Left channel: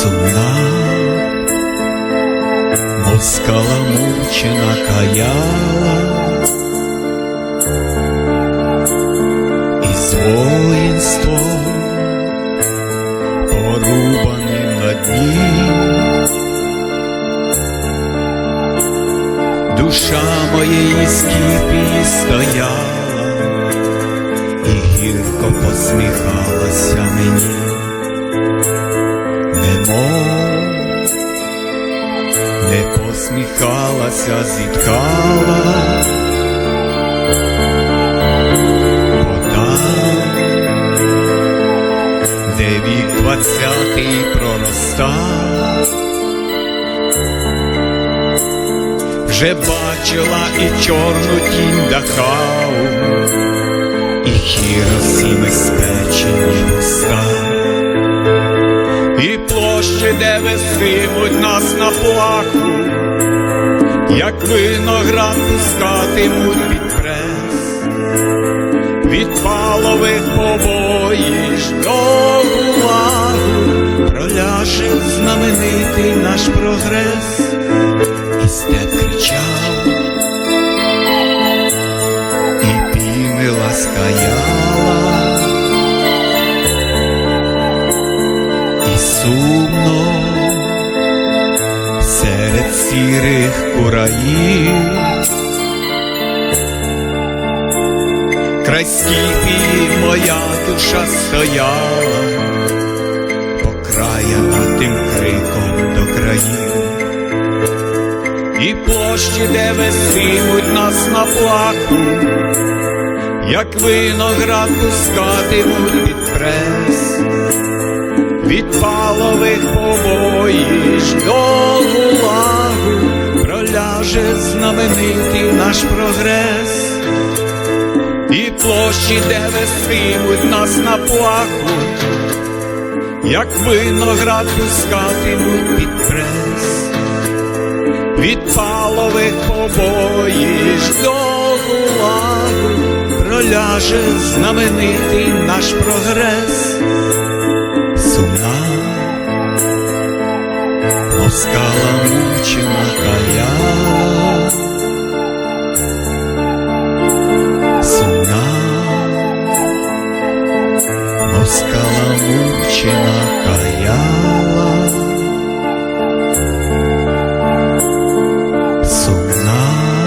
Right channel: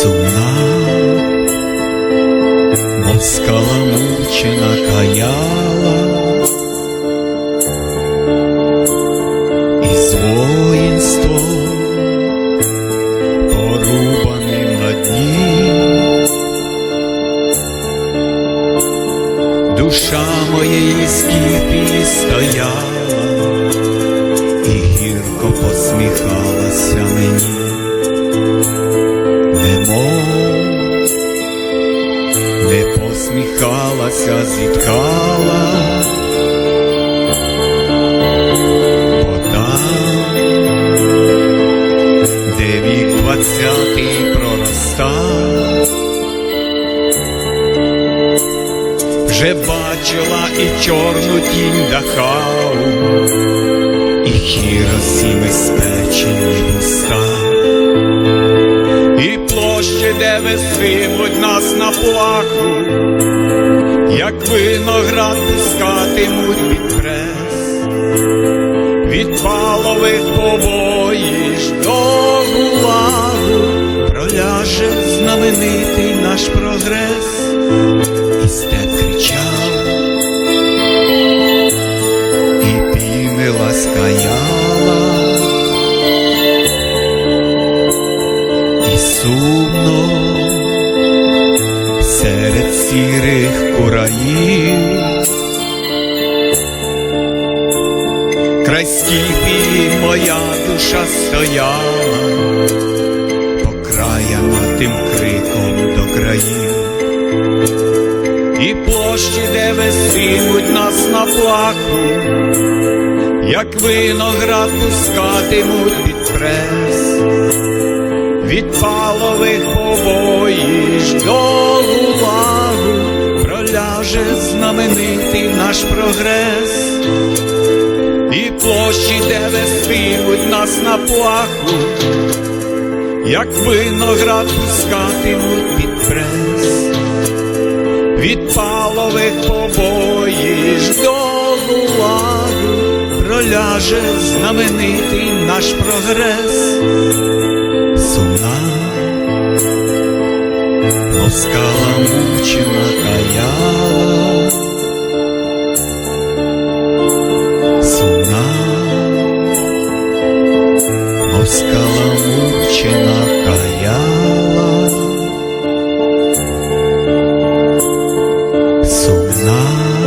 Сумна, мов скаламучена каяла, із воїнством порубаним на дні. Душа моєї скіпії стояла і гірко посміхалася мені немов не посміхалася, зітхала, бо там, де вік двадцятий проростав, вже бачила і чорну тінь дахау, і хіросіми спечені вуста і площі, де весимуть нас на плаху, як виноград пускатимуть під прес, від палових побоїж до гулагу проляже знаменитий наш прогрес, і степ кричав, і піни скаяла. І сумно серед сірих кураїв. Край скіпії моя душа стояла, покраяна тим криком до країв, і площі, де вестимуть нас на плаху, як виноград пускатимуть під прес від палових побоїж до гулагу проляже знаменитий наш прогрес, і площі, де вестимуть нас на плаху, як виноград пускатимуть під прес, від палових побоїж до гулагу проляже знаменитий наш прогрес сумна, мов скаламучена каяла, сумна, мов скаламучена каяла, сумна.